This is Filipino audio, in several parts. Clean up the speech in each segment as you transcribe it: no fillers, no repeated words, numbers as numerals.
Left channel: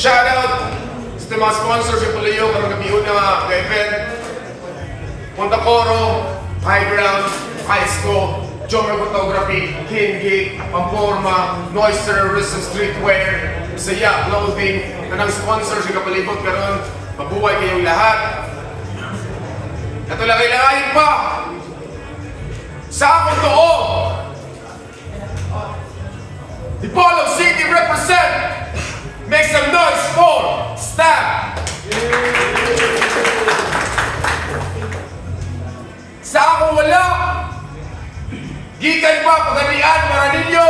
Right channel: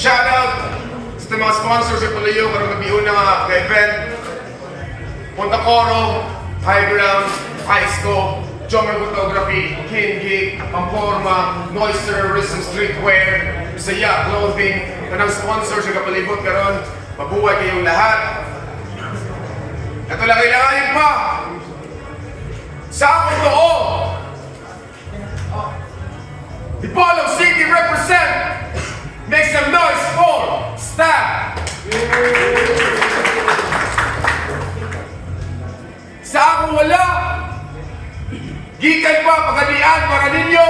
Shoutout sa mga sponsors sa Palayo karong gabi una nga event. Punta Coro, High Ground, Iceco, Jomer Photography, Kingi, Amporma, Noise Terrorism Streetwear, Saya Clothing, kanang sponsor sa kapalibot karon. Mabuhay kayong lahat. Ito lang kailanganin pa. Sa akong too, Dipolog City represent. Make some noise for Stab. Sa akong wala, gikan pa pagalian para ninyo.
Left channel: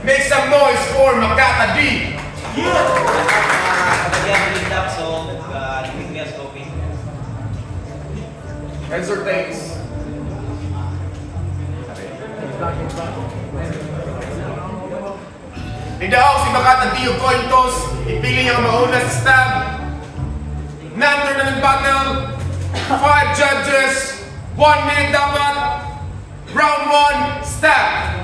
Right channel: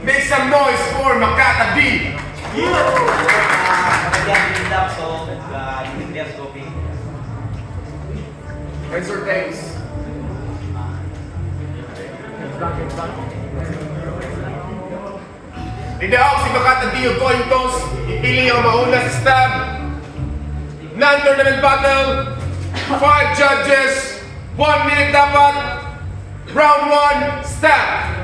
Make some noise for Makata D. Answer thanks. Idaog si Makata D o coin toss. Ipili ang mauna sa Stab. Non-tournament battle. 5 judges. 1 minute dapat. Round 1, Stab.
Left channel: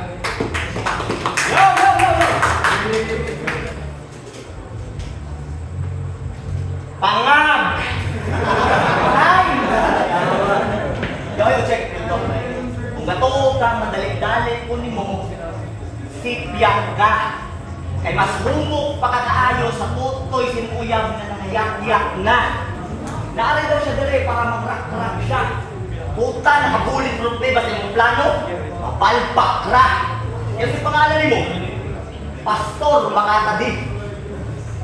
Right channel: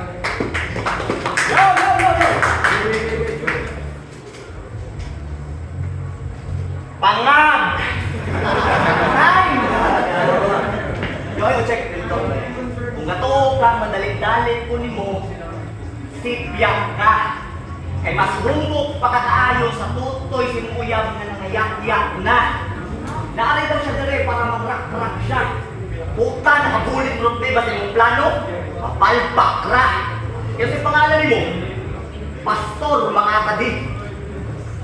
Pangab! Ay! Yo, check dito. Kung gato ka, madalit-dalit po ni mo, sipyak ka. Kay mas humok pa kakaayo sa tutoy sinuyab na nangayak-yak na. Naaray daw siya dire para mag-rak-rak siya. Puta, nakabulit mo ba sa iyong plano? Mapalpak ra. Kasi pangalan mo, Pastor Makata D.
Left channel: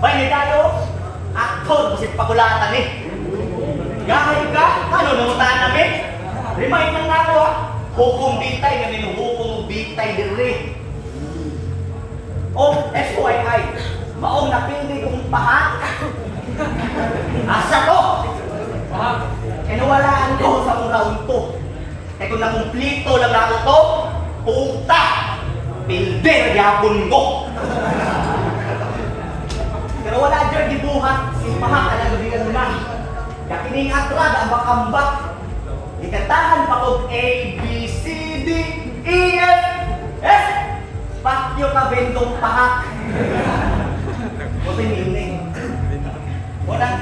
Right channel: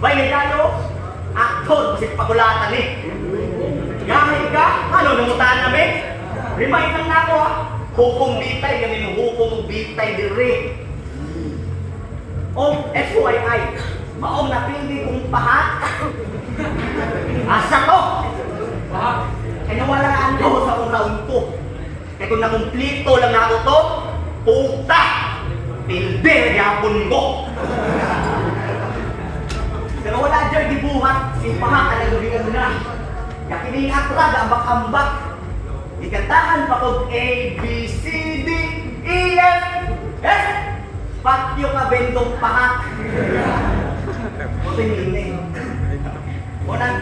Bay ni tayo, aktor kasi pagulatan eh. Gahit ka, ano nangutaan namin? Remind lang na ako ha. Hukom bitay, ganin hukom bitay dire. O, FYI, maong napili kong pahat. Asa ko? Kaya nawalaan ko sa kong round to. Kaya kung nakumplito lang ako to, puta! Pilder yapon ko! Pero wala dyan dibuhat, simpahan ka na lubigan na. Kaya kiningatrag ang ambak-ambak. Ikantahan pa kong A, B, C, D, E, F, S. Patyo ka bendong pahat. Buti niling. Wala.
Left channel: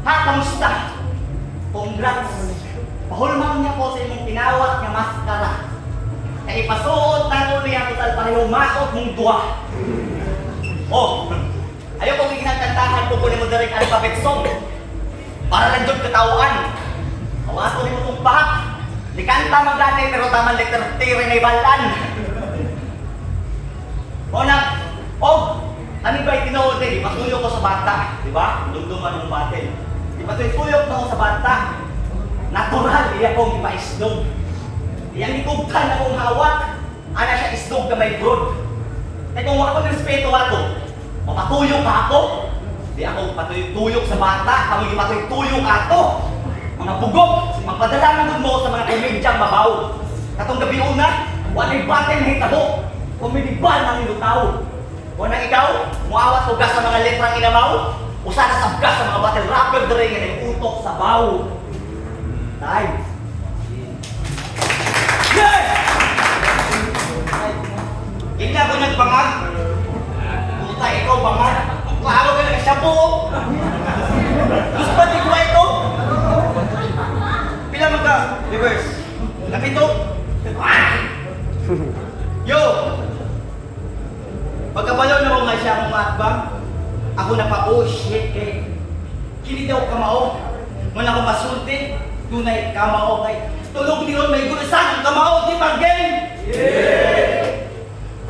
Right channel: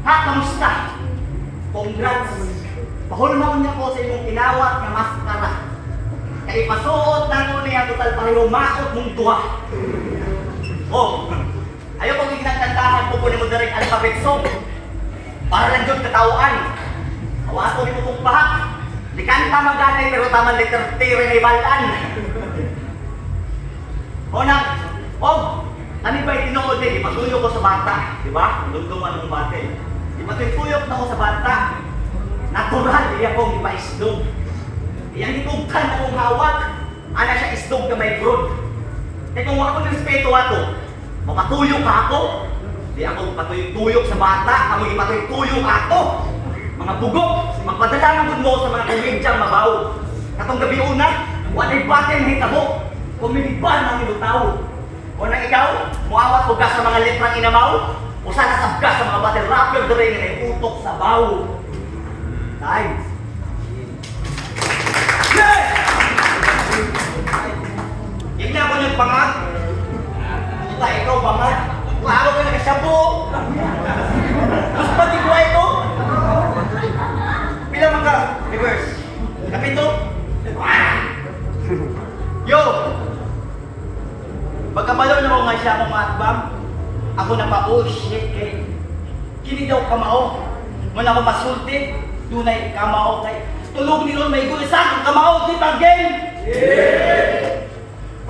Ha, kamusta? Congrats. Pahulmang niya po sa imong tinawat nga maskara. Kaya ipasuot na ko niya total pareho maot mong tuwa. Oh, ayaw kong ikinagkantahan po po ni mo direct alphabet song. Para lang dyan katawaan. Awaso ni mo itong pahat. Likanta maganay pero tamang letter T rin ay balan. O na, ano ba itinood eh? Ipatuyo ko sa bata. Diba? Lunduman ng batil. Ipatuyok na ako sa bata. Natural, iya kong ipa-isdog. Iyang ikugtan akong hawak. Ana siya isdog ka may brood. Eh kung ako nirespeto ato, mapatuyo ka ako. Di ako patuyok sa bata, kami ipatuyok ako. Mga bugok, magpadala mo sa mga komedyang mabaw. Katong gabi una, walay batin na hitabo. Komediban ng ilutaw. O na ikaw, muawat ko ka sa mga letrang inamaw. Usa na sabgas sa mga battle rapper dire nga ay utok sa baw. Time. Yes! Hindi ako nagpangag. Puta, ikaw bangag. Klaro ka na kasyapo. Gusto ba di ko ito? Pila magka? Reverse. Kapito? Yo! Pagkabalaw na ko nga siya akong atbang, ako na pa, oh shit, eh. Kini daw kamao. Nung ako masulti, tunay kamao kay tulog ni Ron may gulisan, kamao, di ba game? Yeah!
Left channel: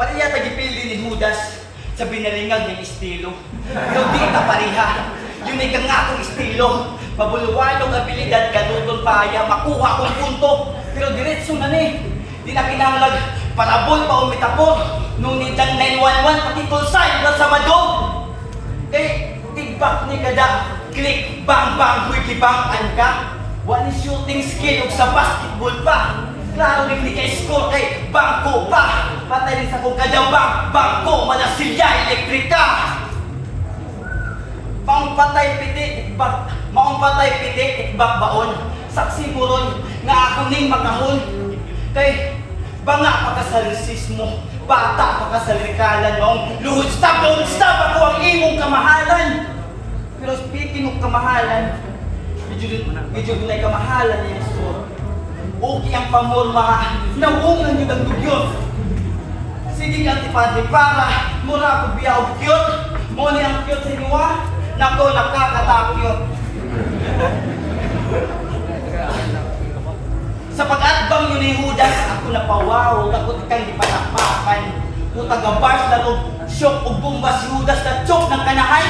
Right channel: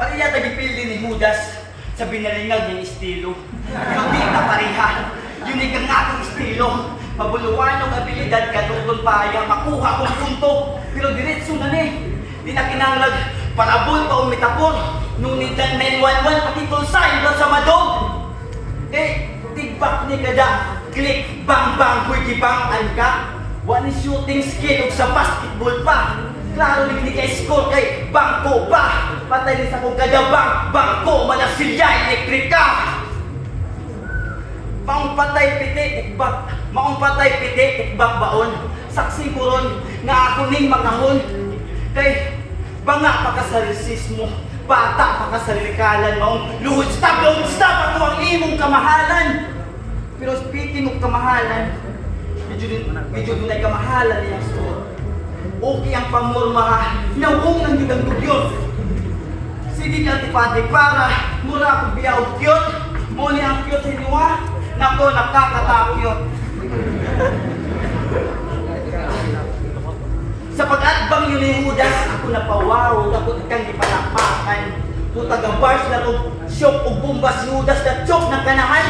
Pati yata gipili ni Judas sa binalingag ng estilo. Pero di na pareha, yun ay kang nga akong estilo. Pabuluan ng abilidad, katutong paya, makuha akong punto. Pero diretso na ni, di na kinanglag, parabol pa umitapol. Nung nitang 911 pati call sign daw sa madog. Eh, tigbak ni kada, click, bang, bang, wiki, bang, an ka. One is shooting skill sa basketball pa. Klaro rin ni kay score, eh, bangko pa. Patay rin sa kong kadabang, bangko, malasilya, elektrika. Maong patay piti, ikbak, maong patay piti, ikbak baon. Saksi mo ron, nga ako ning makahon. Kay, banga pa ka sa resismo. Bata pa ka sa likalan mong luhod stop, don't stop ako ang imong kamahalan. Pero speaking of kamahalan, medyo doon ay kamahalan niya so. Okay ang pamorma, nauungan nyo ng dugyot. Sige nga, Antipati, para mura ako biyaw kyot. Muni ang kyot sa inyo, nako, nakakatakyot. Sa pag-atbang yun ni Judas, ako napawaw, ako kang ipatapakan. Putagabars laro, syok o bumba si Judas na chok ng kanahan.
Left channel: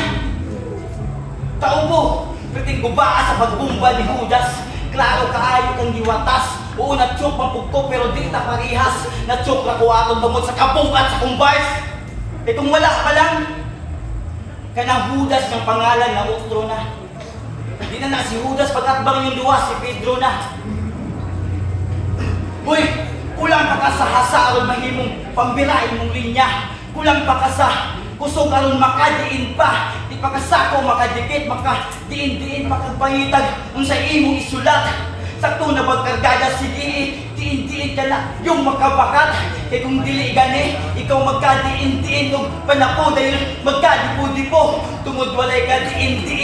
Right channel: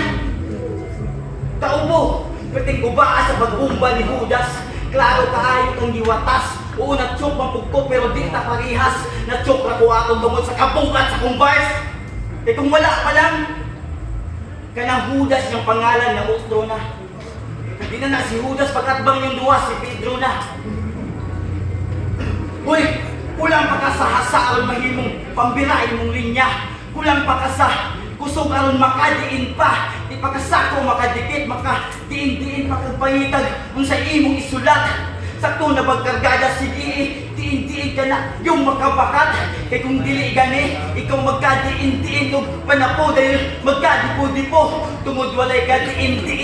Taubo, piting gubaa sa pagbumba ni Judas. Klaro kaayo kang giwatas. Oo, na-chok mapugko pero di ta parihas. Na-chok na kuha akong bangod sa kabungkat sa kumbars. E kung wala pa lang, kanang Judas niyang pangalan na utro na. Di na si Judas pag-atbang yung duwa, si Pedro na. Uy, kulang pa ka sa hasa aron mahimong pambirain mong linya. Kulang pa ka sa kusog aron makadiin pa. Di pa ka sako makadikit, makadiin-diin makagpangitag ang sa imong isulat. Sakto na pagkargada, sige, diin-diin ka na yung makabakat. Kaya kung dili gani, ikaw magkadiin-diin o panapo dahil magkadipo-dipo. Tungod walay ka diin-diin.